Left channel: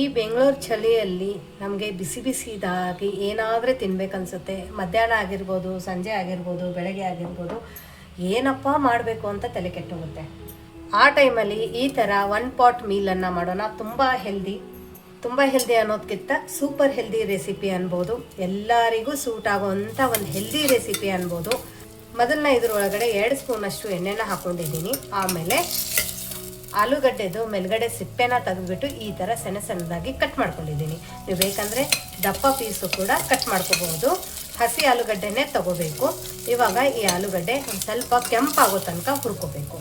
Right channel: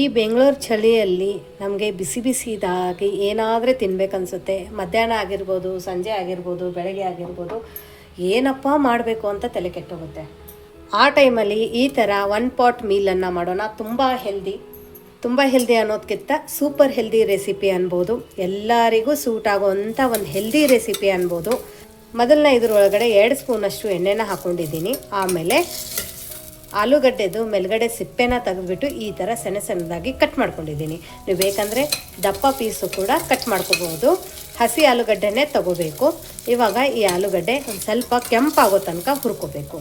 ಈ ಬೆಂಗಳೂರು ಚಳಿಯಲ್ಲಿ ನಮಗೆ ಬಿಸಿ ಬಿಸಿದಾಗಿ ಏನಾದರೂ ತಿನ್ಬೇಕನ್ಸುತ್ತೆ. ಮಧ್ಯಾಹ್ನ ಆಗಿರ್ಬೋದು, ಸಂಜೆ ಆಗಿರ್ಬೋದು, ಬೆಳಗ್ಗೆ ಆಗಿರ್ಬೋದು, ಏನಪ್ಪ ಮಾಡಬೇಕು ಅಂತ ತಲೆ ಕೆಟ್ಟೋಗುತ್ತೆ. ಆ ಟೈಮಲ್ಲಿ ಈ ಥರ ಒನ್ ಪಾಟ್ ಮೀಲನ್ನು ಮಾಡೋಣ ತುಂಬ ಹೆಲ್ದಿ ತುಂಬ ಹೆಲ್ದಿ ಅನ್ನೋದಕ್ಕಿಂತ ಸೂಪರ್ ಹೆಲ್ದಿ ರೆಸಿಪಿ ಅನ್ಬೋದು. ಎಲ್ಲರಿಗೂ ಸೂಟ್ ಆಗೋವಂಥ ಒಂದು ಹೆಲ್ದಿ ರೆಸಿಪಿ ಅನ್ಬೋದು. ಮೊದಲನೇ ಇದರೊಳಗಡೆ ಎರಡು ಸ್ಪೂನಷ್ಟು ಎಣ್ಣೆನ ಹಾಕ್ಕೊಂಡಿದ್ದೀನಿ ಆಮೇಲೆ ಆಲೂಗಡ್ಡೆದು ಮೇಲ್ಗಡೆ ಸಿಪ್ಪೆನ ತೆಗೆದ್ಬಿಟ್ಟು ಈ ಥರ ಸಣ್ಣ ಸಣ್ಣದಾಗಿ ಕಟ್ ಮಾಡ್ಕೊಂಡಿದ್ದೀನಿ. ನೀವು ಬೇಕಂದರೆ ದಪ್ಪ ಪೀಸು ಕೂಡ ಕಟ್ ಮಾಡ್ಕೋಬಹುದು ಹಸಿ ಆಲೂಗಡ್ಡೆನೇ ತಗೋಬೇಕು. ಇವಾಗ ಈ ಆಲೂಗಡ್ಡೆ ಒಂದು ಸ್ವಲ್ಪ ಕೆಂಪಾಗೋ ತನಕ ಹುರ್ಕೋಬೇಕು.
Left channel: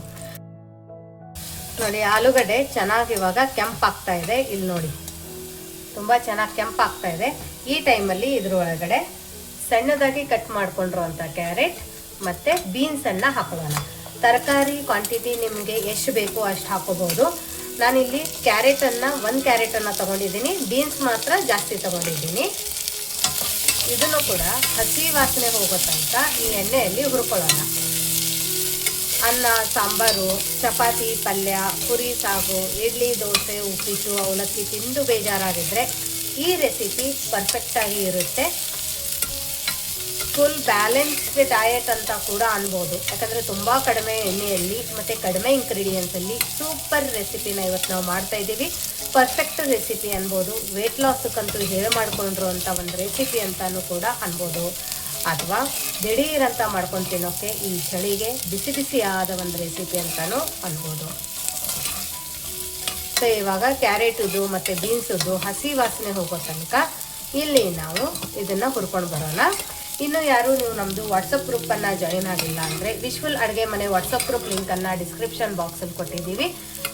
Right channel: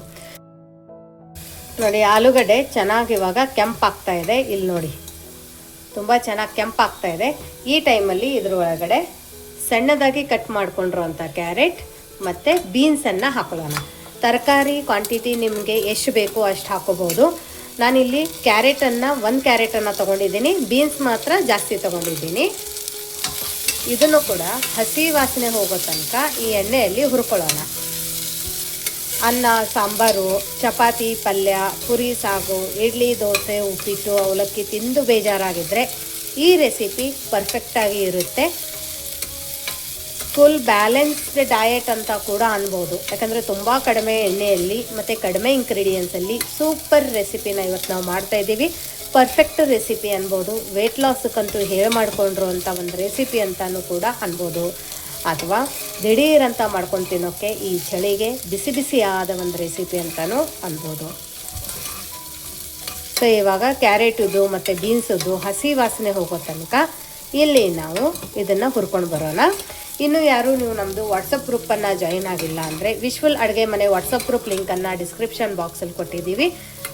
ನೋಡಿ, ಆಲೂಗಡ್ಡೆ ಚೆನ್ನಾಗಿ ಇವಾಗ ಕೆಂಪಾಗ್ತಾ ಇದೆ. ಇಲ್ಲಿ ನೋಡಿ, ತುಂಬ ಚೆನ್ನಾಗಿ ಕೆಂಪಾಗ್ತಾ ಇದೆ. ಈ ಟೈಮಲ್ಲಿ ಇದ್ರೊಳಗಡೆ ಸಣ್ಣದಾಗಿ ಕಟ್ ಮಾಡ್ಕೊಂಡಿರುವಂಥ ಕ್ಯಾರೆಟ್ ಮತ್ತು ಬೀನ್ಸನ್ನು ಹಾಕೊಳ್ಳೋಣ. ತರಕಾರಿ ಕ್ವಾಂಟಿಟಿ ನಿಮಗೆ ಎಷ್ಟು ಬೇಕೋ ಅಷ್ಟು ಹಾಕೋಬೋದು. ನಾನಿಲ್ಲಿ ಕ್ಯಾರೆಟನ್ನು ಒಂದು ಕ್ಯಾರೆಟನ್ನು ತೊಗೊಂಡಿದ್ದೀನಿ. ಬೀನ್ಸ್ ಮಾತ್ರ ಜಾಸ್ತಿ ತೊಗೊಂಡಿದ್ದೀನಿ. ಇದನ್ನು ಕೂಡ ಹಸಿ ವಾಸನೆ ಹೋಗೋ ತನಕ ಈ ಎಣ್ಣೆಯಲ್ಲಿ ಹುರ್ಕೊಳ್ಳೋಣ. ಅನ್ನ, ಸಾಂಬಾರು, ಚಪಾತಿ, ಪಲ್ಯ, ಪುರಿ, ಸಾಗು, ಇಡ್ಲಿ, ದೋಸೆ, ಉಪ್ಪಿಟ್ಟು, ಅವಲಕ್ಕಿ ತಿಂದು ಬೇಜಾರಾಗಿದ್ದರೆ ಈ ರೆಸಿಪಿ ಪರ್ಫೆಕ್ಟಾಗಿ ಇರುತ್ತೆ. ಫುಲ್ ಬ್ಯಾಲೆನ್ಸ್ಡ್ ಡಯಟ್ ಅಂತ ಕೂಡ ಅನ್ಬೋದು. ಯಾಕಂದರೆ ತುಂಬ ಕಡಿಮೆ ಎಣ್ಣೆಯಲ್ಲಿ ಮತ್ತು ಕಡಿಮೆ ಇಂಗ್ರೀಡಿಯೆಂಟ್ಸಲ್ಲಿ ಸೂಪರ್ ರೆಸಿಪಿನ ಇವತ್ತು ನಾವು ಮಾಡ್ತಾ ಇದ್ದೀವಿ. ಪರ್ಫೆಕ್ಟ್ ರೆಸಿಪಿ ಅನ್ಬೋದು. ವೆಯ್ಟ್ ಲಾಸ್ಗಂತೂ ಹೇಳಿ ಮಾಡಿಕೊಂಡ್ರು ಅಂತ ಒಂದು ರೆಸಿಪಿ ಅಂತಲೂ ಕೂಡ ಅನ್ಬೋದು. ಅಥವಾ ದಿಢೀರಂತ ಮಾಡ್ಕೊಂಡು ತಿನ್ನೋಕ್ಕೆ ಈ ಚಳಿಗೆ ಬಿಸಿ ಬಿಸಿ ಆದ ಒಂದು ರೆಸಿಪಿ ಅಂತಲೂ ಅನ್ಬೋದು. ಸೊ ಇವಾಗ ಕ್ಯಾರೆಟುದು ಮತ್ತು ಬೀನ್ಸದ್ದು ಹಸಿ ವಾಸನೆ ಹೋಗೋ ತನಕ ಇಲ್ಲಿ ನಾವು ಇದನ್ನು ಹುರ್ಕೊಂಡು ಬರೋಣ. ಇನ್ನು ಯಾರು ನೀವು ನಮ್ಮದು ವಾಟ್ಸಪ್ ಗ್ರೂಪನ್ನು ಜಾಯಿನ್ ಆಗಿಲ್ಲ ಅಂದರೆ ವಿಶ್ವಲ್ ಅಡುಗೆ ಮನೆ ವಾಟ್ಸಪ್ ಗ್ರೂಪ್ ಲಿಂಕನ್ನು ಡಿಸ್ಕ್ರಿಪ್ಷನ್ ಬಾಕ್ಸಲ್ಲಿ ಕೊಟ್ಟಿದ್ದೀವಿ.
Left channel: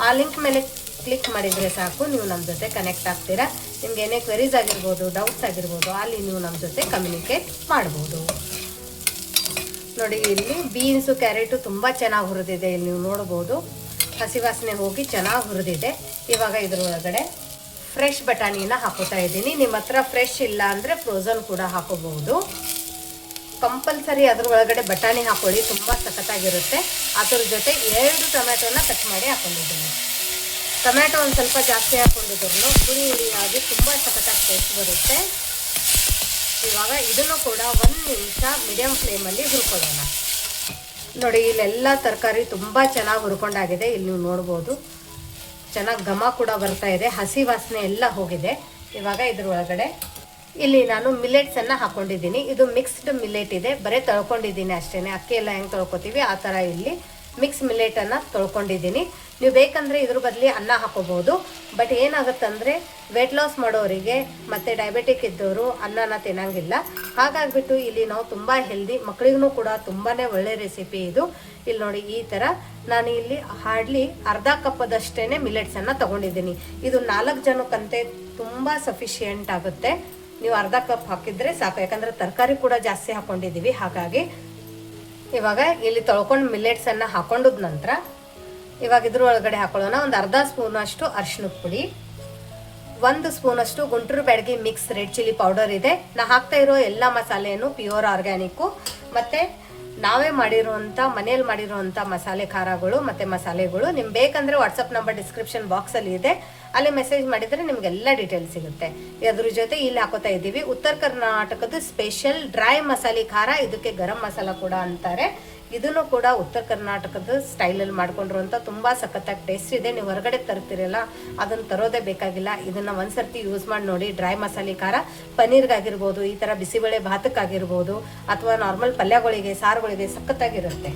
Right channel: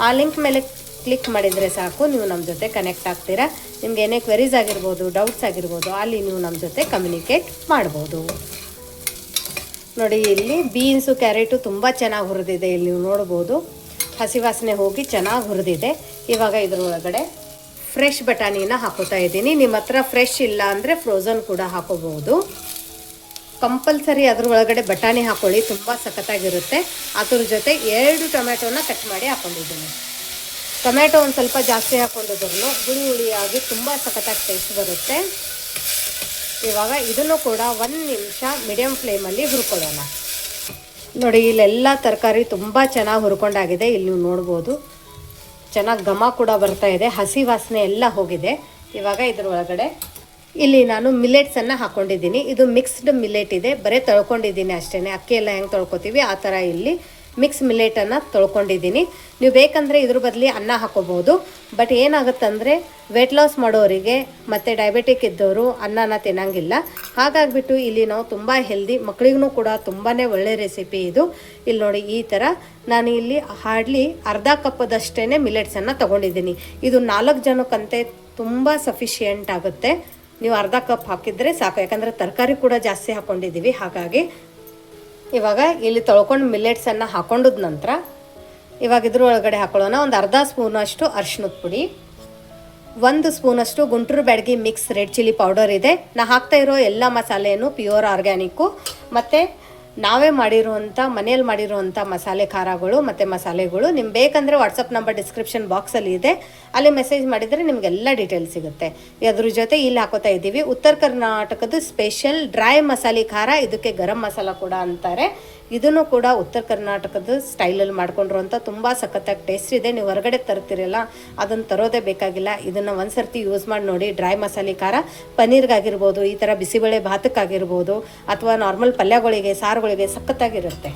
ಆ ಲಿಂಕ್ ಮೇಲೆ ಕ್ಲಿಕ್ ಮಾಡಿದರೆ ಸಾಕು, ನೀವು ನಮ್ಮ ಜೊತೆ ಕನೆಕ್ಟ್ ಆಗ್ತೀರಾ. ನಿಮ್ಗೆ ಏನೇ ಕ್ವೆರೀಸ್ ಆಗಿರ್ಬೋದು ಡೌಟ್ಸ್ ಆಗಿರ್ಬೋದು, ಅಲ್ಲಿ ನೀವು ನಮ್ಮ ಜೊತೆ ಕಮ್ಯುನಿಕೇಟ್ ಮಾಡ್ಬೋದು. ನೋಡಿ, ಇಲ್ಲಿ ಬೀನ್ಸು ಕ್ಯಾರೆಟು ತುಂಬ ಚೆನ್ನಾಗಿ ಹುರಿದಿದೆ. ಇಲ್ಲಿ ನೀವು ನೋಡ್ಬೋದು, ಹಸಿ ವಾಸನೆ ಹೋಗಿ ಚೆನ್ನಾಗಿ ಹುರಿದಿದೆ. ಇವಾಗ ಇದ್ರೊಳಗಡೆ ಫ್ರೆಶ್ ಬಟಾಣಿನ ಹಾಕೋತಾ ಇದ್ದೀನಿ. ನಿಮ್ಮ ಹತ್ರ ಫ್ರೆಶ್ ಇಲ್ಲ ಅಂದರೆ ಫ್ರೋಝನ್ ಕೂಡ ಹಾಕೋಬಹುದು. ಕಂಪಲ್ಸರಿ ಅದ್ರ ಒಳಗಡೆ ಬಟಾಣಿ ಹಾಕೊಳ್ಳಿ, ತುಂಬ ಸಖತ್ತಾಗಿರುತ್ತೆ. ಅದ್ರ ಜೊತೆ ಎರಡು ಟೊಮೆಟೊನ ಕಟ್ ಮಾಡಿ ಹಾಕೊಂಡಿದ್ದೀನಿ. ಟೊಮೆಟೊ ಒಂದು ಸ್ವಲ್ಪ ಜಾಸ್ತಿ ಹಾಕೊಂಡಿದ್ರು ಹುಳಿ ಹುಳಿಯಾಗಿ ತುಂಬ ಸಖತ್ತಾಗಿ ಟೇಸ್ಟ್ ಬರುತ್ತೆ. ಇವಾಗ ಇದನ್ನು ಕೂಡ ಒಂದು ನಿಮಿಷ ಮೀಡಿಯಮ್ ಫ್ಲೇಮಲ್ಲಿ ಹುರ್ಕೊಳ್ಳೋಣ. ನೋಡಿ, ಇಲ್ಲೆಲ್ಲ ತರಕಾರಿ ತುಂಬ ಚೆನ್ನಾಗಿ ಹುರ್ಕೊಂಡಾಗಿದೆ. ಇಲ್ಲಿ ನೋಡ್ಬೋದು. ಚೆನ್ನಾಗಿ ಘಮ ಕೂಡ ಬರ್ತಾ ಇದೆ. ಹಸಿ ವಾಸನೆ ಎಲ್ಲ ಹೋಗಿದೆ. ಇವಾಗ ಇದ್ರ ಒಳಗಡೆ ಇಲ್ಲಿ ನಾನು ಮಿಲ್ಲೆಟ್ಸನ್ನು ಹಾಕೊಂಡಿದ್ದೀನಿ. ಇದು ಮಿಕ್ಸ್ಡ್ ಮಿಲೆಟ್ ಇದೆ. ಬರೀ ತೊಳ್ಕೊಂಡಿದ್ದೀನಿ ಅಷ್ಟೇ ಅಕ್ಕಿ ಎಲ್ಲ ಹೆಂಗೆ ತೊಳ್ಕೊತೀವಿ? ಆ ಥರ ಇಲ್ಲಿ ಮಿಕ್ಸ್ ಮಿಲ್ಲೆಟನ್ನು ತೊಳ್ಕೊಂಡಿದ್ದೀನಿ. ನೀವು ಬೇಕಂದ್ರೆ ಇದ್ರ ಬದಲಿ ಅನ್ನ ಹಾಕೋಬೋದು. ಬಟ್ ಏನಾಗುತ್ತಂದರೆ ವೆಯ್ಟ್ ಲಾಸ್ ಮಾಡೋರಿಗೆ ಮತ್ತು ಡಯಾಬಿಟಿಕ್ ಇದ್ದವರು ಅನ್ನನ ತಿನ್ನಂಗಿಲ್ಲ. ಹಾಗಾಗಿಬಿಟ್ಟು ಇಲ್ಲಿ ನಾವು ತುಂಬ ಹೆಲ್ದಿ ಮಕ್ಕಳಿಗೂ ಕೂಡ ತುಂಬಾ ಒಳ್ಳೆ ರೆಸಿಪಿ ಇದು. ಇಲ್ಲಿ ನೋಡಿ ಈ ಥರ ನಾನು ಇಲ್ಲಿ ಹಾರ್ಡ್ಲಿ ಅರ್ಧ ಕಪ್ಪದಷ್ಟೇ ಮಿಲೆಟ್ಸನ್ನು ತಗೊಂಡಿದ್ದೀನಿ. ಇದು ನಾಲ್ಕು ಜನಕ್ಕಂತೆ ತುಂಬ ಸಫಿಷಿಯೆಂಟ್ ಆಗುತ್ತೆ. ನೀವು ಅರ್ಧ ಕಪ್ ಹಾಕಿದರೆ ಸಾಕು. ಯಾಕಂದರೆ ತರಕಾರಿ ಕೂಡ ಜಾಸ್ತಿ ಹಾಕ್ಕೊಂಡಿದ್ದೀವಿ ಹಾಗಾಗಿ ಇವಾಗ ಇಲ್ಲಿ ತೊಳ್ಕೊಂಡು ಮಿಲ್ಲೆಟ್ಸನ್ನು ಹಾಕೊಂಡದ ನಂತರ ಇವಾಗ ಇದ್ರ ಒಳಗಡೆ ಹಾಕೊಳ್ಳೋಣ. ಒಂದು ಅರ್ಧ ಸ್ಪೂನಷ್ಟು ಅರ್ಶಿನದ ಪುಡಿ, ಒಂದು ಸ್ಪೂನಷ್ಟು Guntur Byadagi mix red chilli powder ಇದೆ. ನಾ ಹಾಕ್ತಾ ಇರೋ ಎಲ್ಲ ಮಸಾಲೆಯನ್ನು ಪ್ಯೂರ್ ಆರ್ಗ್ಯಾನಿಕ್ಕು ಮತ್ತು ನಾವೇ ಮಾಡಿರುವಂಥ ಮನೆಯಲ್ಲಿ ಮಾಡಿರುವಂಥ ಮಸಾಲೆ ಖಾರಗಳು ಮತ್ತು ಮಸಾಲೆಗಳು. ನಿಮ್ಗೆ ಬೇಕಂದರೆ ವಾಟ್ಸಪ್ ನಂಬರ್ ಡಿಸ್ಕ್ರಿಪ್ಷನ್ ಬಾಕ್ಸಲ್ಲಿ ಇದೆ. ಅಲ್ಲಿ ಮೆಸೇಜ್ ಮಾಡಿದರೆ ನಿಮಗೆಲ್ಲ ಡೀಟೇಲ್ಸ್ ಸಿಗುತ್ತೆ. ಅದ್ರ ಜೊತೆ ಇಲ್ಲಿ ಹಾಕೋತಾ ಇದ್ದೀವಿ. ಉತ್ತರ ಕರ್ನಾಟಕದ ಸ್ಪೆಷಲ್ ಡ್ರೈ ಮಸಾಲೆ ಖಾರ. ಇದಕ್ಕೆ ಗರಂ ಮಸಾಲ ಕೂಡ ಅಂತಾರೆ. ಇದನ್ನು ಕೂಡ ಉತ್ತರ ಕರ್ನಾಟಕದ ಸ್ಟೈಲಲ್ಲಿ ಮಾಡ್ಕೊಂಡಿರುವಂಥ ತುಂಬ ಸಖತ್ತಾಗಿ ಟೇಸ್ಟ್ ಇದೆ. ನೀವು ಹೊರಗಡೆ ತರ್ತಿರಲ್ಲ, ಅದನ್ನು ತರೋದೇ ಬೇಕಾಗಿಲ್ಲ. ಇದನ್ನು ಒಂದು ಸರ್ತಿ ಯೂಸ್ ಮಾಡಿ ನೋಡಿ ಡ್ರೈ ಮಸಾಲೆ ಖಾರ, ಪನ್ನೀರ್ಗಾಗಿರ್ಬೋದು, ಈ ಥರ ಬಿಸಿಬೇಳೆ ಭಾತಕ್ಕಾಗಿರ್ಬೋದು, ಅಥವಾ ನಾರ್ಮಲ್ ಪಲ್ಯಗಳಿಗೆ, ಸಾರುಗಳಿಗೆ ಸಖತ್ತಾಗಿರುತ್ತೆ.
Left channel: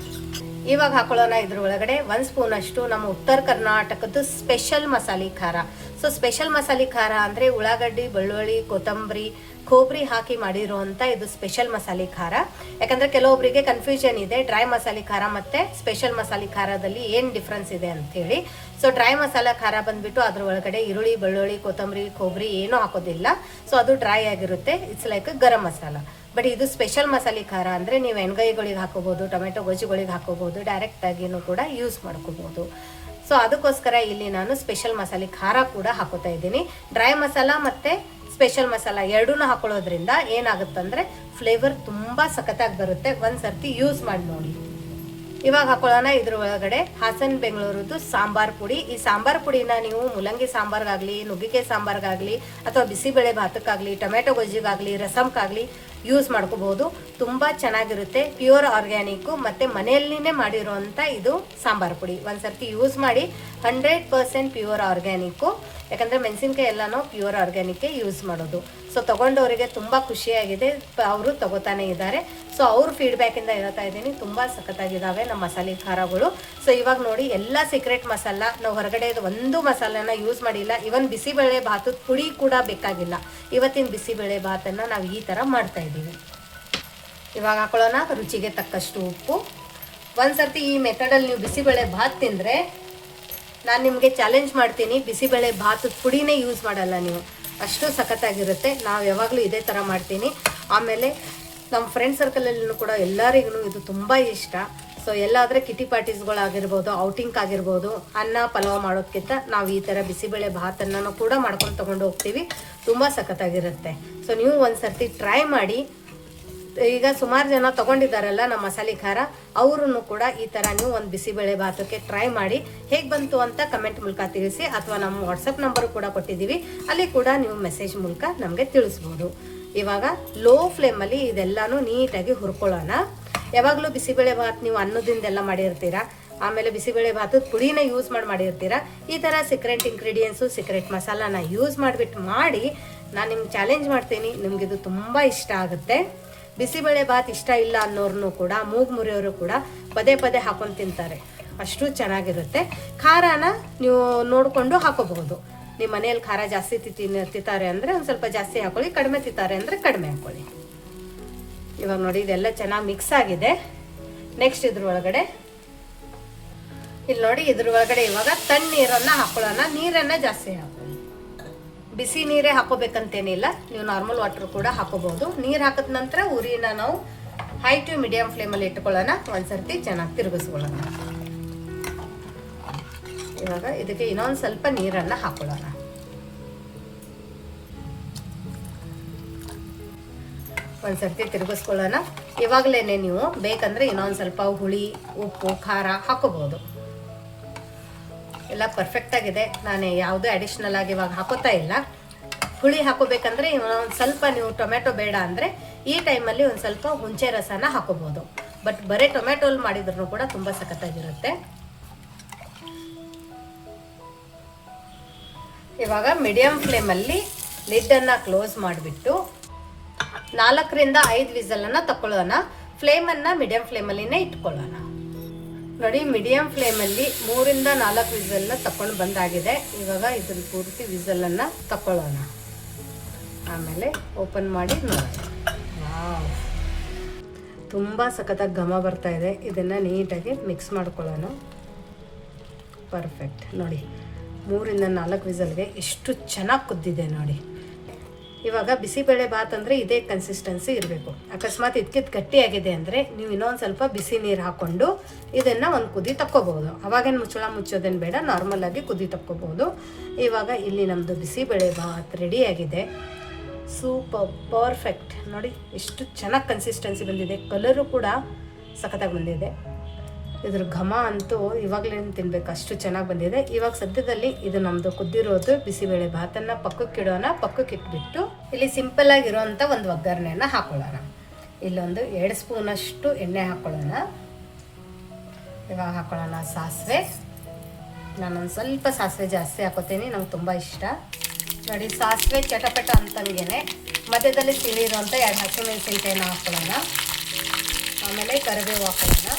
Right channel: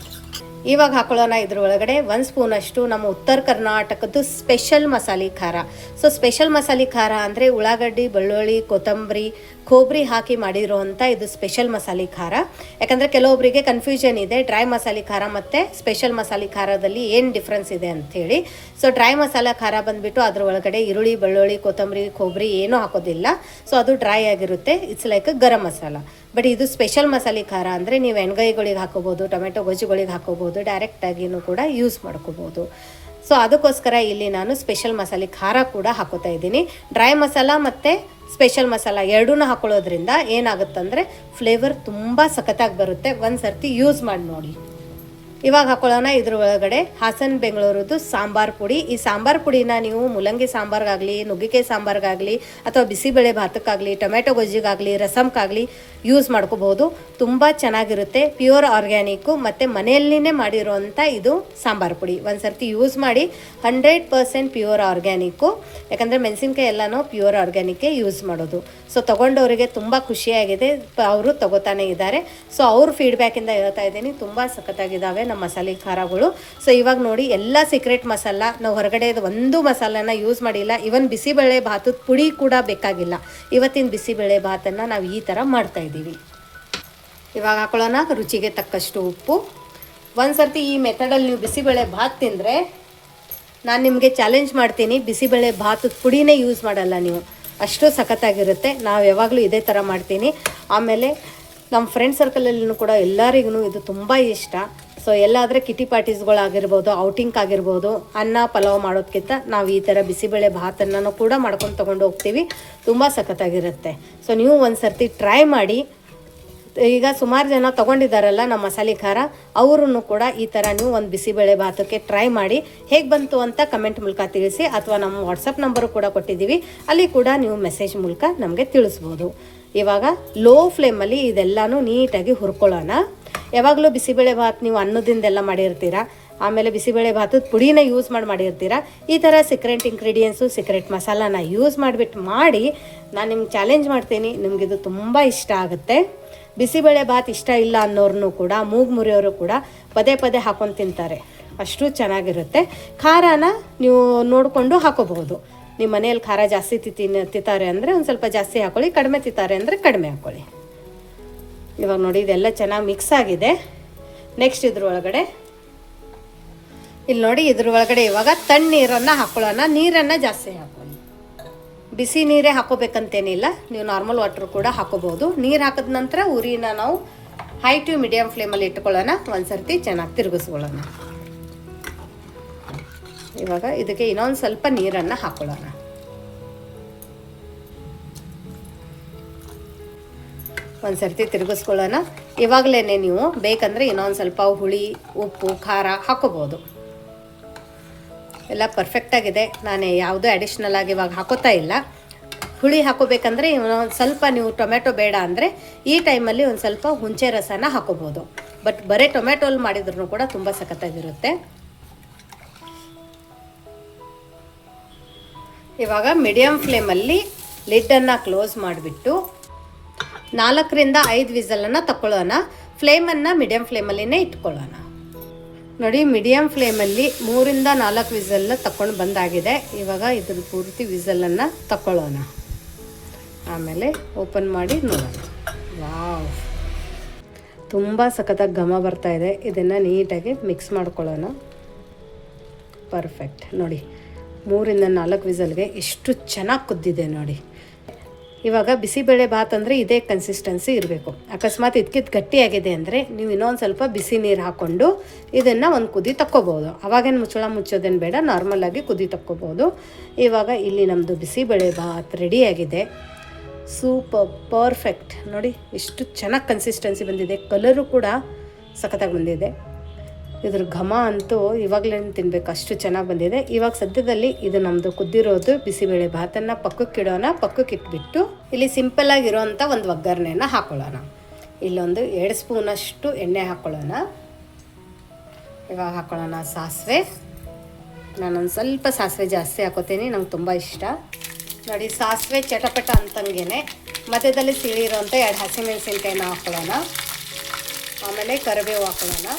ಇವಾಗ ಹಾಕೊಳ್ಳೋಣ ಇದ್ರ ಒಳಗಡೆ ಒಂದು ಸ್ಪೂನಷ್ಟು ನಮ್ಮ ಉತ್ತರ ಕರ್ನಾಟಕದ ಸ್ಪೆಷಲ್ ಮಸಾಲೆ ಖಾರ. ಸೊ ಸ್ಪೆಷಲ್ ಮಸಾಲೆ ಖಾರ ಅಂದರೆ ಉಳ್ಳಾಗಡ್ಡಿ, ಬೆಳ್ಳುಳ್ಳಿ, ಕೊತ್ತಂಬರಿ, ಕೊಬ್ಬರಿ ಹಾಕಿ ಮಾಡಿರೋವಂಥ ಇದು ಸ್ಪೆಷಲ್ ಮಸಾಲೆ ಖಾರ. ಯಾಕಂದರೆ ಕೆಲವೊಬ್ಬರಿಗೆ ಕನ್ಫ್ಯೂಷನ್ ಇದೆ ಡ್ರೈ ಮಸಾಲೆ ಖಾರ ಮತ್ತು ಸ್ಪೆಷಲ್ ಮಸಾಲೆ ಖಾರದಲ್ಲಿ ಏನು ಡಿಫ್ರೆನ್ಸ್ ಇದೆ ಅಂಥೇಳಿ. ಸೊ ಡ್ರೈ ಮಸಾಲ ಖಾರ ಬಂದುಬಿಟ್ಟು ಅದ್ರ ಒಳಗಡೆ ಈರುಳ್ಳಿ, ಬೆಳ್ಳುಳ್ಳಿ, ಕೊತ್ತಂಬರಿ, ಕೊಬ್ಬರಿ ಏನೂ ಹಾಕೋದಿಲ್ಲ. ಸೊ ಅದು ಡ್ರೈ ಆಗಿರುತ್ತೆ. It's like garam masala. But ಇದು ಸ್ಪೆಷಲ್ ಮಸಾಲೆ ಖಾರ ಅಂದರೆ ನೀವು ಎಣ್ಗಾಯಿಗಳಿಗೆ ಹಾಕೋಬೋದು, ಟೊಮೆಟೊ ಗೊಜ್ಜುಗಳಿಗೆ ಹಾಕೋಬೋದು ಡೈರೆಕ್ಟಾಗಿನೂ ಕೂಡ ಯೂಸ್ ಮಾಡ್ಕೋಬೋದು. ಸೊ ಅದಕ್ಕೋಸ್ಕರ ಇಲ್ಲಿ ನಾನು ಸ್ಪೆಷಲ್ ಮಸಾಲೆ ಖಾರ ಕೂಡ ಹಾಕೋತಾ ಇದ್ದೀನಿ. ಡ್ರೈ ಮಸಾಲ ಮತ್ತು ಸ್ಪೆಷಲ್ ಮಸಾಲ ಎರಡೂ ಹಾಕೊಳ್ಳೋದ್ರಿಂದ ಏನಾಗುತ್ತಂದರೆ ಫ್ಲೇವರ್ ತುಂಬ ಸಖತ್ತಾಗಿ ಬರುತ್ತೆ. ಒಂದು ಸರ್ತಿ ಯೂಸ್ ಮಾಡಿ ನೋಡಿ. ಇವಾಗ ಹಾಕೊಳ್ಳೋಣ ಇದ್ರ ಒಳಗಡೆ ಹಾಸನ್ ಬೆಂಗಳೂರದ್ದು ಸಾಂಬಾರ್ ಪುಡಿ. ಈ ಸಾಂಬಾರ್ ಪುಡಿನ ನೀವು ಮುಲಂಗಿ ಸಾಂಬಾರ್ಗಾಗಲಿ, ನುಗ್ಗಿಕಾಯಿ ಸಾಂಬಾರ್ಗಾಗಲಿ ಅಥವಾ ಬಿಸಿಬೇಳೆ ಭಾತಕ್ಕಾಗಲಿ, ಟೊಮೆಟೊ ಗೊಜ್ಜಿಗಾಗಲಿ ರಸಮ್ಗಾಗಲಿ ಯೂಸ್ ಮಾಡ್ಕೋಬಹುದು ತುಂಬ ಚೆನ್ನಾಗಿರುತ್ತೆ. ಪ್ಯೂರ್ ಆರ್ಗ್ಯಾನಿಕ್ಕು ಮತ್ತು ಮನೆಯಲ್ಲಿನೇ ಮಾಡಿರುವಂತ ಇದು ಸಾಂಬಾರ್ ಪುಡಿ. ಒಂದು ಸರ್ತಿ ಯೂಸ್ ಮಾಡಿ ಹಂಡ್ರೆಡ್ ಪರ್ಸೆಂಟ್ ಪ್ಯೂರ್ ಆರ್ಗ್ಯಾನಿಕ್ಕು ಯಾಕಂದರೆ ಮೆಣಸಿನ್ಕಾಯಿ ಎಲ್ಲನೂ ಪ್ಯೂರ್ ಆರ್ಗ್ಯಾನಿಕ್ಕೇ ಯೂಸ್ ಮಾಡೋದು. ಸೊ ತೊಗೊಂಡವರಿಗೆ ತುಂಬ ಖುಷಿಯಾಗಿದೆ. ಅವರು ತಗೋತಾನೆ ಇದ್ದಾರೆ. ಸೊ ಅವ್ರ ಫೀಡ್ಬ್ಯಾಕಿಂದ ಹೇಳ್ತಾ ಇದ್ದೀನಿ. ತುಂಬ ಸಖತ್ತಾಗಿದ್ದಾವೆ ನಮ್ಮ ಮಸಾಲೆ ಖಾರಗಳು. ಸೊ ಇವಾಗ ನೋಡಿ, ಎಲ್ಲ ಸೀಕ್ರೆಟ್ ಮಸಾಲ, ನಾವು ಹೊರಗಡೆ ಒಂದು ಮಸಾಲನ ಯೂಸ್ ಮಾಡಿಲ್ಲ. ಇವನ್ ಬಿಸಿಬೇಳೆ ಭಾತದ ಪುಡಿ ಕೂಡ ಬೇಕಾಗಿಲ್ಲ. ಇವತ್ತಿನ ಬಿಸಿಬೇಳೆ ಭಾತನ್ನು ನಾವು ಈ ಥರ ಮಾಡ್ತಾ ಇದ್ದೀವಿ. ಇವಾಗ ಹಾಕೊಳ್ಳೋಣ. ರುಚಿಗೆ ತಕ್ಕಷ್ಟು ಉಪ್ಪು. ಒಂದು ಸರ್ತಿ ಈ ಮೆಥಡಲ್ಲಿ ನೀವು ಬಿಸಿಬೇಳೆ ಭಾತ್ ತಿಂದರೆ ನಾನು ನಿಮಗೆ ಚಾಲೆಂಜ್ ಮಾಡ್ತೀನಿ. ಬಿಸಿಬೇಳೆ ಭಾತದ ಪುಡಿನೇ ಯೂಸ್ ಮಾಡಲ್ಲ ನೀವು. ಅಷ್ಟು ಸಖತ್ತಾಗಿರುತ್ತೆ. ನಾವು ಯಾವಾಗಲೂ ಇದೇ ಥರ ಮಾಡ್ತೀನಿ. ಆಮೇಲೆ ನಮ್ಮ ಫ್ರೆಂಡ್ ಸರ್ಕಲಲ್ಲೂ ಕೂಡ ಎಲ್ಲರಿಗೂ ಇದು ತುಂಬ ಇಷ್ಟ. ಸೊ ಎಲ್ಲಾದರೆ ಕಿಟಿ ಪಾರ್ಟೀಸ್ಗಳಾಗಿರ್ಬೋದು ಔಟಿಂಗ್ ಆಗಿರ್ಬೋದು, ಅನ್ನ, ಪಲಾವ್ ಮಾಡೋದಕ್ಕಿಂತ ನಾವು ಈ ಥರ ಬಿಸಿಬೇಳೆ ಭಾತನ್ನು ಕೂಡ ಮಾಡ್ಕೊಂಡು ತೊಗೊಂಡು ಹೋಗ್ತೀವಿ. ತುಂಬ ಸಖತ್ತಾಗಿರುತ್ತೆ. ಸೊ ನೀವು ಒಂದು ಸರ್ತಿ ಟ್ರೈ ಮಾಡಿ ಈಗ ಸುಮಾರು ಜನ ತಗೊಂಡಿದ್ದಾರಲ್ಲ ನಮ್ಮ ಮಸಾಲೆ ಖಾರ ಅವರನ್ನು ಕೂಡ ಈ ಥರ ನೀವು ಒಂದು ಬಿಸಿಬೇಳೆ ಭಾತಕ್ಕೆ ಟ್ರೈ ಮಾಡಿ ಹೇಗೆ ಬಂತು ಅಂತ ಕಮೆಂಟ್ ಮೂಲಕ ತಿಳಿಸಿ ಅಥವಾ ನಮ್ಮ ವಾಟ್ಸಪ್ ನಂಬರು ಕೂಡ ಕೊಟ್ಟಿದ್ದೀವಿ. ಅಲ್ಲಿ ಕೂಡ ನೀವು ಮೆಸೇಜ್ ಮೂಲಕ ನಮಗೆ ತಿಳಿಸ್ಬೋದು. ಇವಾಗ ಲೋ ಫ್ಲೇಮಲ್ಲಿ ಇದೆಲ್ಲನೂ ನೀಟಾಗಿ ಹುರ್ಕೊಳ್ಳೋಣ. ಯಾವಾಗಲೂ ಬಿಸಿಬೇಳೆ ಭಾತ್ ನೀವು ಅನ್ನದಿಂದೆಲ್ಲ ಮಾಡಿರ್ತೀರ? ಆಮೇಲೆ ಬಿಸಿಬೇಳೆ ಭಾತದ ಪುಡಿನ ಯೂಸ್ ಮಾಡಿ ಮಾಡಿರ್ತೀರಾ? ಈ ಥರ ಸೀಕ್ರೆಟ್ ಇಂಗ್ರೀಡಿಯೆಂಟ್ಸು ಸೀಕ್ರೆಟ್ ಮಸಾಲಾನ ಯೂಸ್ ಮಾಡಿಬಿಟ್ಟು ಮಾಡಿ ನಾನು ನಿಮ್ಗೆ ಚಾಲೆಂಜ್ ಮಾಡ್ತೀನಿ. ನಿಮಗಿದು ತುಂಬ ಇಷ್ಟ ಆಗುತ್ತೆ. ಬಿಸಿಬೇಳೆ ಭಾತ್ ಇಷ್ಟ ಇಲ್ಲ ಅನ್ನೋರ್ನು ಕೂಡ, ಮೂಗು ಮುರಿಯೋರು ಕೂಡ ಪದೇ ಪದೇ ಹಾಕೊಂಡು ತಿಂತಾರೆ. ಅಷ್ಟು ಚೆನ್ನಾಗಿರುತ್ತೆ. ಖಾರನ ನೀವು ನೋಡಿಕೊಂಡು ಹಾಕೋಬಹುದು. ನಿಮ್ಮ ಮನೆಯಲ್ಲಿ ಖಾರ ಜಾಸ್ತಿ ತಿನ್ನ ತಿಂತಾರೆ ಅಂದರೆ ಒಂದು ಸ್ವಲ್ಪ ಜಾಸ್ತಿ ಹಾಕೊಳ್ಳಿ, ಕಡಿಮೆ ತಿಂತಾರೆ ಅಂದರೆ ಕಡಿಮೆ ಹಾಕೊಳ್ಳಿ. ಇವಾಗ ನೋಡಿ, ಇದೆಲ್ಲ ಚೆನ್ನಾಗಿ ಮಿಕ್ಸ್ ಆಗಿದೆ. ನೆಕ್ಸ್ಟ್ ಇದ್ರ ಒಳಗಡೆ ಇಲ್ಲಿ ನೋಡಿ ಇದ್ರ ಒಳಗಡೆ ಇವಾಗ ತಣ್ಣೀರನ್ನು ಹಾಕೊಳ್ಳೋಣ. ನೀರನ್ನು ಜಾಸ್ತಿ ಹಾಕೊಳ್ಳಿ. ಬಿಸಿ ನೀರೇ ಹಾಕೋಬೇಕಂತೇನಿಲ್ಲ. ನೀವು ನಾರ್ಮಲ್ ವಾಟರ್ ಕೂಡ ಹಾಕೋಬಹುದು ನೀರು ಹಾಕಿದ ನಂತರ ಉರಿನ ನಾವು ಹೈ ಟು ಮೀಡಿಯಂ ಫ್ಲೇಮಲ್ಲಿ ಇಟ್ಕೊಳ್ಳೋಣ. ಒಂದ್ಸರ್ತಿ ಚೆನ್ನಾಗಿ ತಿರುಗಿಸ್ಕೊಳ್ಳೋಣ. ಇವಾಗ ಇದಕ್ಕೆ ಇನ್ನೊಂದು ಸ್ವಲ್ಪ ನೀರನ್ನು ಹಾಕೊಳ್ಳೋಣ. ಒಂದ್ಸರ್ತಿ ತಿರುಗಿಸ್ಕೊಳ್ಳೋಣ. ಇವಾಗಲೇ ನೀವು ಬೇಕಂದ್ರೆ ಇನ್ನೊಂದು ಸ್ವಲ್ಪ ಹುಳಿ, ಉಪ್ಪು, ಖಾರ ಹಾಕೋಬಹುದು ಎಲ್ಲ ಪರ್ಫೆಕ್ಟ್ ಆಗಿದೆ. ನಾನು ಯಾವುದೂ ಅಡಿಷ್ನಲ್ ಆಗಿ ಇವಾಗ ಹಾಕೋತಾ ಇಲ್ಲ. ಹುಳಿ ಹಾಕೋಬೇಕಂದ್ರೆ ಒಂದು ಸ್ವಲ್ಪ ನೀವು ಟೊಮೆಟೊ ಬೇಡ ಅಂದರೆ ಈ ಟೈಮಲ್ಲಿ ಒಂದು ಸ್ವಲ್ಪ ಹುಂಚೆ ರಸನ ಹಾಕೋಬೋದು. ಬಟ್ ಬರೀ ಟೊಮೆಟೊಲ್ ಮಾಡಿದ್ರು ಕೂಡ ತುಂಬ ಸಖತ್ತಾಗಿರುತ್ತೆ. ಇವಾಗ ಮೀಡಿಯಮ್ ಫ್ಲೇಮಲ್ಲಿ ಲಿಟ್ಟನ್ನ ಕ್ಲೋಸ್ ಮಾಡಿಬಿಟ್ಟು ನಾಲ್ಕರಿಂದ ಐದು ವಿಸಲನ್ನು ತಗೊಳ್ಳೋಣ ಫ್ಲೇಮನ್ನು ಮೀಡಿಯಮ್ ಫ್ಲೇಮಲ್ಲಿನೇ ಇಟ್ಕೊಳ್ಳೋಣ. ನೋಡಿ ಮೀಡಿಯಂ ಫ್ಲೇಮಲ್ಲಿ ಮೂರಿಂದ ನಾಲ್ಕು ವಿಸಲ್ನ ತಕೊಂಡು ಬಂದಾಗಿದೆ. ಇವಾಗ ಇದ್ರ ಪೂರ್ತಿ ವಿಸಲನ್ನು ತಗೊಳ್ಳೋಣ ಆಮೇಲೆ ಓಪನ್ ಮಾಡಿ ನೋಡೋಣ. ವಾವ್. ತುಂಬ ಸಖತ್ತಾಗಿ ಘಮ ಬರ್ತಾ ಇದೆ. ಇದನ್ನು ನೀಟಾಗಿ ಮಿಕ್ಸ್ ಮಾಡ್ಕೊಳ್ಳೋಣ. ಪರ್ಫೆಕ್ಟ್ ನೋಡಿ, ಮೂರಿಂದ ನಾಲ್ಕು ವಿಸಲ್ಗೆ ಎಷ್ಟು ಚೆನ್ನಾಗಿ ಕುದ್ದಿದೆ ನೋಡಿ. ಇವಾಗ ಬಿಸಿಬೇಳೆ ಭಾತ್ ಅಂದರೆ ಇದೇ ಕನ್ಸಿಸ್ಟೆನ್ಸಿ ಇರಬೇಕು. ಅಕಸ್ಮಾತ್ ಇದಕ್ಕಿತ್ತು ಗಟ್ಟಿಯಾಗಿದೆ ಅಂದರೆ ನೀವು ಇನ್ನೊಂದು ಸ್ವಲ್ಪ ಬಿಸಿ ನೀರು ಹಾಕ್ಕೊಂಡು ಇದನ್ನು ಒಂದು ಕುದಿ ತಕ್ಕೋಬೋದು. ಅವಾಗೇನು ಮುಚ್ಚಳ ಮುಚ್ಚೋದೇನು ಬೇಡ ನಾರ್ಮಲಾಗಿ ಕುದಿ ತಕ್ಕೋಬೋದು. ಇವಾಗ ಇಲ್ಲಿ ನಮ್ಮದು ಬಿಸಿಬೇಳೆ ಭಾತ್ ರೆಡಿಯಾಗಿದೆ ಸೂಪರ್ ಪರ್ಫೆಕ್ಟ್ ನೋಡಿ ಎಷ್ಟು ಚೆನ್ನಾಗಿ ಕನ್ಸಿಸ್ಟೆನ್ಸಿ ಬಂದಿದೆ. ಕಲರು ಕೂಡ ಸಖತ್ತಾಗಿ ಬಂದಿದೆ. ಇದ್ರ ಘಮ ಅಂತೂ ಇವಾಗಲೇ ತಿನ್ಬೇಕು, ಅಷ್ಟು ಚೆನ್ನಾಗಿ ಬಂದಿದೆ. ಇವಾಗ ಸದ್ಯದಲ್ಲಿ ಇದು ನಮ್ಮದು ಕುದ್ದಿರೋದು ಬಿಸಿಬೇಳೆ ಭಾತನ್ನು ಪಕ್ಕಕ್ಕೆ ಇಡೋಣ, ಪಕ್ಕಕ್ಕೆ ಇಟ್ಬಿಟ್ಟು ಇಲ್ಲಿ ಸಿಂಪಲ್ ಆಗಿರೋಂಥ ಒಂದು ಒಗ್ಗರಣೆನ ಹಾಕೊಳ್ಳೋಣ. ಇಲ್ಲೊಂದು ಎರಡು ಸ್ಪೂನಷ್ಟು ಎಣ್ಣೆ ಹಾಕೊಳ್ಳೋಣ. ಇವಾಗ ಹಾಕೊಳ್ಳೋಣ ಸಾಸಿವೆ. ನಾನೊಂದು ಸ್ವಲ್ಪ ಸಾಸಿವೆ ಜಾಸ್ತಿ ಹಾಕೋತೀನಿ, ನಂಗೆ ತುಂಬ ಇಷ್ಟ. ನೋಡಿ, ಸಾಸಿವೆ ಚಟಪಟ ಅಂತಂಗೆ ಮಧ್ಯದಲ್ಲಿ ಸೀಳಿರುವಂಥ ಎರಡು ಹಸಿಮೆಣಸಿನ್ಕಾಯಿನ ಹಾಕೊಳ್ಳೋಣ. ಆಮೇಲೆ ಕರಿಬೇವು ಹಾಕ್ಕೊಳ್ಳೋಣ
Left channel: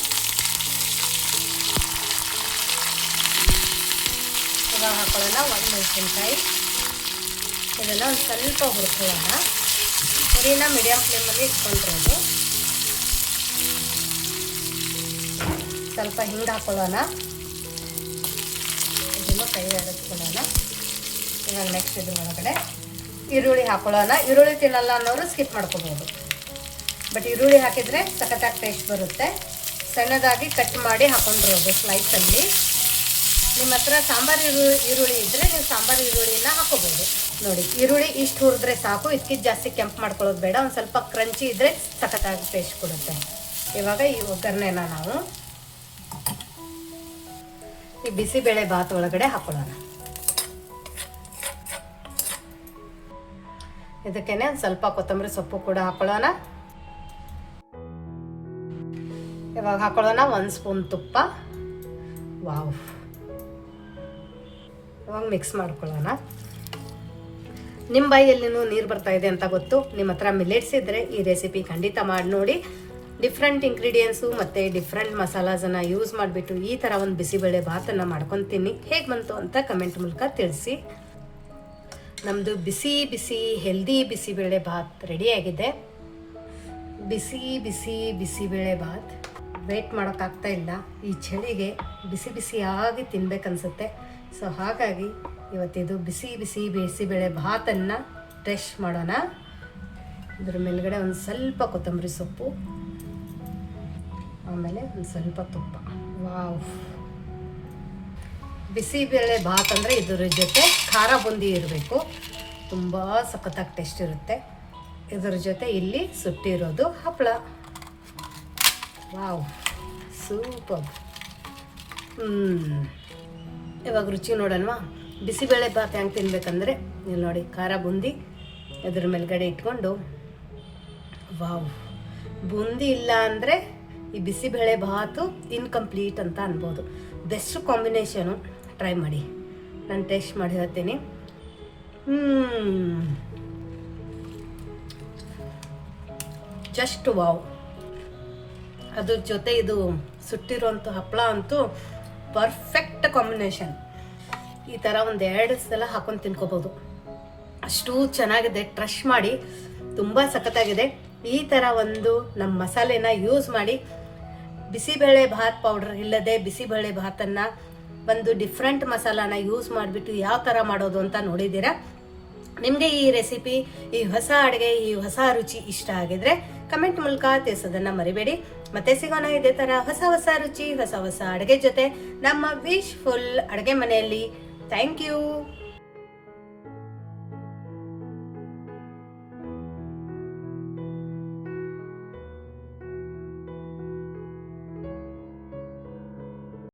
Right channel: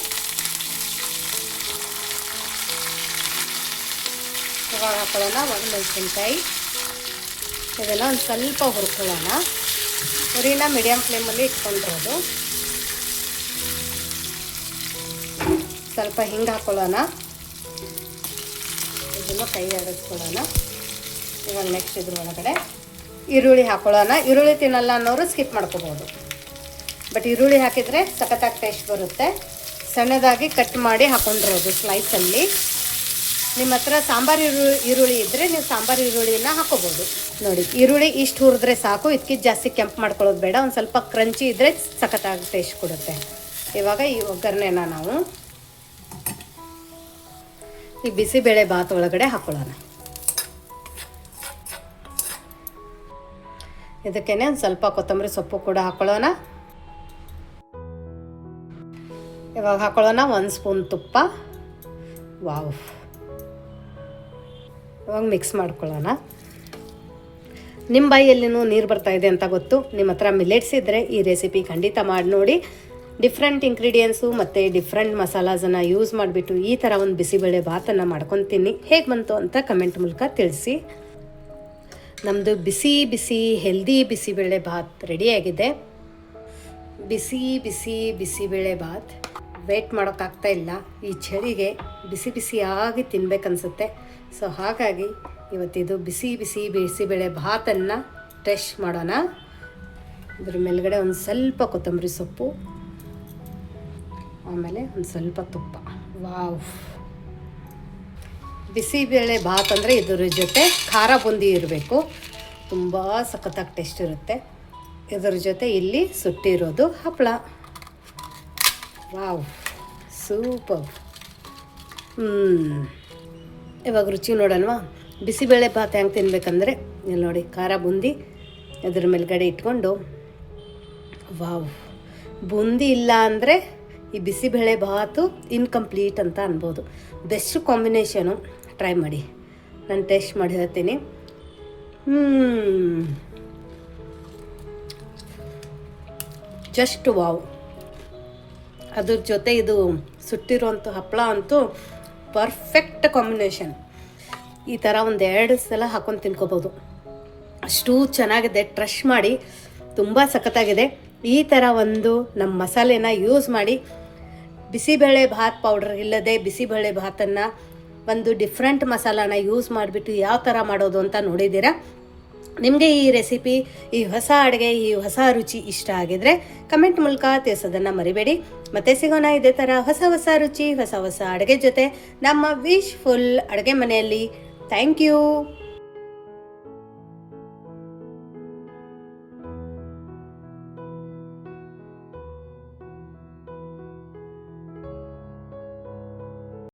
ಹಾಕೊಳ್ಳೋಣ ಒಂದು ಮೆಣಸಿನ್ಕಾಯಿ. ಇದೆಲ್ಲ ಒಂದು ಸ್ವಲ್ಪ ಹುರ್ಕೊಳ್ಳೋಣ. ಹುರಿನ ಮೀಡಿಯಮ್ ಫ್ಲೇಮಲ್ಲಿ ಇಟ್ಕೊಂಡಿರೋದು. ಸ್ವಲ್ಪ ಹಿಂಗೆ ಹಾಕೊಳ್ಳೋಣ. ಇದನ್ನು ಕೈ ಆಡಿಸ್ಕೊಳ್ಳೋಣ ಇವಾಗ ನೆಕ್ಸ್ಟ್ ಇದ್ರ ಒಳಗಡೆ ಈರುಳ್ಳಿ ಹಾಕೊಳ್ಳೋಣ. ಈರುಳ್ಳಿ ತಿನ್ನಲ್ಲ ಅನ್ನೋರು ಸ್ಕಿಪ್ ಮಾಡ್ಕೋಬೋದು. ಬಟ್ ಈರುಳ್ಳಿ ಹಾಕಿದರೆ ಸಖತ್ತಾಗಿ ಟೇಸ್ಟ್ ಬರುತ್ತೆ. ಸಣ್ಣದಾಗಿ ಕಟ್ ಮಾಡಿ ಹಾಕೊಂಡಿರೋದು ಸ್ಲೈಸಲ್ಲಿ ನಿಮ್ಮ ಹತ್ರ ಸಾಂಬಾರು ಈರುಳ್ಳಿ ಈರುಳ್ಳಿ ಇದ್ದರೆ ನೀವು ಸಾಂಬಾರು ಈರುಳ್ಳಿನ ಹಾಕೋಬೋದು. ನೋಡಿ. ಈರುಳ್ಳಿ ಇಷ್ಟು ಹುರಿದ್ರೆ ಸಾಕು ಇದಕ್ಕೆ ಜಾಸ್ತಿ ಕೆಂಪು ಮಾಡ್ಕೊಳ್ಳೋದು ಬೇಡ ಒಂದು ಸ್ವಲ್ಪ ಕ್ರಂಚಿ ಇದ್ದರೆ ಸಖತ್ತಾಗಿ ಟೇಸ್ಟ್ ಕೊಡುತ್ತೆ. ಇವಾಗ ಈ ಒಗ್ಗರಣೆನ ನಾವು ಈ ಬಿಸಿಬೇಳೆ ಬಾತ್ ಒಳಗಡೆ ಹಾಕೊಳ್ಳೋಣ. ಇದಕ್ಕೇನೆ ಒಂದು ಸ್ವಲ್ಪ ಕೊತ್ತಂಬರಿ ಸೊಪ್ಪು ಕೂಡ ಹಾಕೊಳ್ಳೋಣ. ಇವಾಗ ಹಾಕೊಳ್ಳೋಣ ಒಂದು ಸ್ಪೂನ್ ತುಪ್ಪ. ವಾವ್. ಇವಾಗ ಮಿಕ್ಸ್ ಮಾಡ್ಕೊಳ್ಳೋಣ. ನಿಮ್ಮ ಬಾಯಿಯಲ್ಲಿನೂ ನೀರು ಬರ್ತಾ ಇದೆ ಅಂತ ಗೊತ್ತು. ನಿಮ್ಮ ಹತ್ರ ಮಿಲೆಟ್ಸ್ ಇದ್ದರೆ ಈ ರೆಸಿಪಿ ಖಂಡಿತ ಮಾಡಿ ನೋಡಿ. ಡಿಫ್ರೆಂಟ್ ಇಂಗ್ರೀಡಿಯೆಂಟ್ಸು ಮತ್ತು ಡಿಫ್ರೆಂಟ್ ಮಸಾಲಾಸನ್ನು ಯೂಸ್ ಮಾಡಿಬಿಟ್ಟು ಈ ಥರ ಒಂದು ಬಿಸಿಬೇಳೆ ಭಾತನ್ನು ಮಾಡ್ಕೊತೀನಿ. ಹೇಗೆ ಬಂತು ಅಂತ ಕಮೆಂಟ್ ಮೂಲಕ ತಿಳಿಸಿ. ನಮ್ಮದು ಬಿಸಿ ಬಿಸಿ ಹೆಲ್ದಿ ಬಿಸಿಬೇಳೆ ಭಾತ್ ರೆಡಿಯಾಗಿದೆ ಬಿಸಿ ಬಿಸಿ ಬಿಸಿಬೇಳೆ ಭಾತ್. ವೇಟ್ ಮಾಡೋಕ್ಕಾಗ್ತಾ ಇಲ್ಲ. ಈ ಚಳಿಗೆ ಬಿಸಿ ಬಿಸಿಯಾಗಿ ತಿನ್ಬೇಕನ್ಸುತ್ತೆ. ಸೊ ಹಾಗಾಗಿ ಇವತ್ತಿದು ಬಿಸಿ ಬಿಸಿ ಬಿಸಿಬೇಳೆ ಭಾತನ್ನು ಟೆಸ್ಟ್ ಮಾಡೋಣ. ಅದ್ರ ಮೇಲ್ಗಡೆ ಒಂದು ಸ್ವಲ್ಪ ಕೊತ್ತಂಬರಿ ಸೊಪ್ಪು, ಆಮೇಲೆ ಒಂದು ಸ್ವಲ್ಪ ತುಪ್ಪ. ವಾವ್. ಬಿಸಿಬೇಳೆ ಭಾತ್ ಅಂದರೆ ಇದ್ರ ಜೊತೆ ಖಾರ ಬುಂದಿ ಇರಬೇಕು. ತುಂಬ ಸಖತ್ತಾಗಿ ಟೇಸ್ಟ್ ಇರುತ್ತೆ. ಇದರ ಜೊತೆ ಇಲ್ಲಿ ಸುಟ್ಟಿರೋದು ಹಪ್ಪಳ ವಾವ್. ಸೂಪರ್. ಹ್ಞೂ ಇವಾಗ ರುಚಿ ನೋಡಲ್ವಾ? ಬಿಸಿಬೇಳೆ ಭಾತ್ ಹೆಂಗೆ ತಿನ್ಬೇಕಂದ್ರೆ, ಇಲ್ಲಿ ನೋಡಿ, ಖಾರ ಬುಂದಿ, ಅದ್ರ ಮೇಲ್ಗಡೆ ಇಟ್ಕೊಂಡು, ವಾವ್, ಬುಂದಿ ಇಲ್ಲ ಅಂದರೆ ಈ ಬಿಸಿಬೇಳೆ ಭಾತು ಇನ್ಕಂಪ್ಲೀಟ್ ಅಂತ ಅನ್ಬೋದು. ಬೆಸ್ಟ್ ಕಾಂಬಿನೇಷನು ಟ್ರೈ ಮಾಡಿ. ನಾನು ಟೇಸ್ಟ್ ಮಾಡಿ ಹೇಳ್ತೀನಿ. Just wow. ಅದ್ರ ಜೊತೆ ಇದು ಸುಟ್ಟಿರುವಂಥ ಹಪ್ಪಳ ಅಂತೂ ಪರ್ಫೆಕ್ಟ್ ಕಾಂಬಿನೇಷನ್ ಈ ಥರ ಒಂದು ಎರಡು ಸಲ ಹಾಕೊಂಡು ತಿನ್ಕೋಬೋದು ಅಷ್ಟು ಚೆನ್ನಾಗಿದೆ. ಟ್ರಶ್ ಮಾಡಿ ತುಂಬ ಸಖತ್ತಾಗಿದೆ. ಈ ಥರ ಒಂದು ನಮ್ಮ ಮಸಾಲೆನ ಯೂಸ್ ಮಾಡಿ ಬಿಸಿಬೇಳೆ ಭಾತ್ ಪೌಡರ್ ಇಲ್ಲದೆ ಬಿಸಿಬೇಳೆ ಭಾತನ್ನು ಒಂದು ಡಿಫ್ರೆಂಟ್ ಮಸಾಲಾನ ಯೂಸ್ ಮಾಡಿಬಿಟ್ಟು ಯಾವ ಥರ ಮಾಡೋದು ಅಂತ ನೋಡಿದ್ದೀರಾ? ನಿಮಗೆ ಈ ರೆಸಿಪಿ ಈ ಹೊಸ ಅಡುಗೆ, ಈ ಹೊಸ ರುಚಿ ಇಷ್ಟ ಆಗಿದ್ರೆ ಕಮೆಂಟ್ ಮೂಲಕ ತಿಳಿಸೋದನ್ನ ಮರಿಬೇಡಿ. ಮತ್ತೆ ಸಿಗೋಣ ಇದೇ ಥರ ಹೊಸ ಹೊಸ ರುಚಿ, ಹೊಸ ಹೊಸ ಅಡುಗೆ ಜೊತೆ ನಮ್ಮ ವಿಶ್ ಫುಲ್ ಅಡುಗೆ ಮನೆಯಲ್ಲಿ. Thank you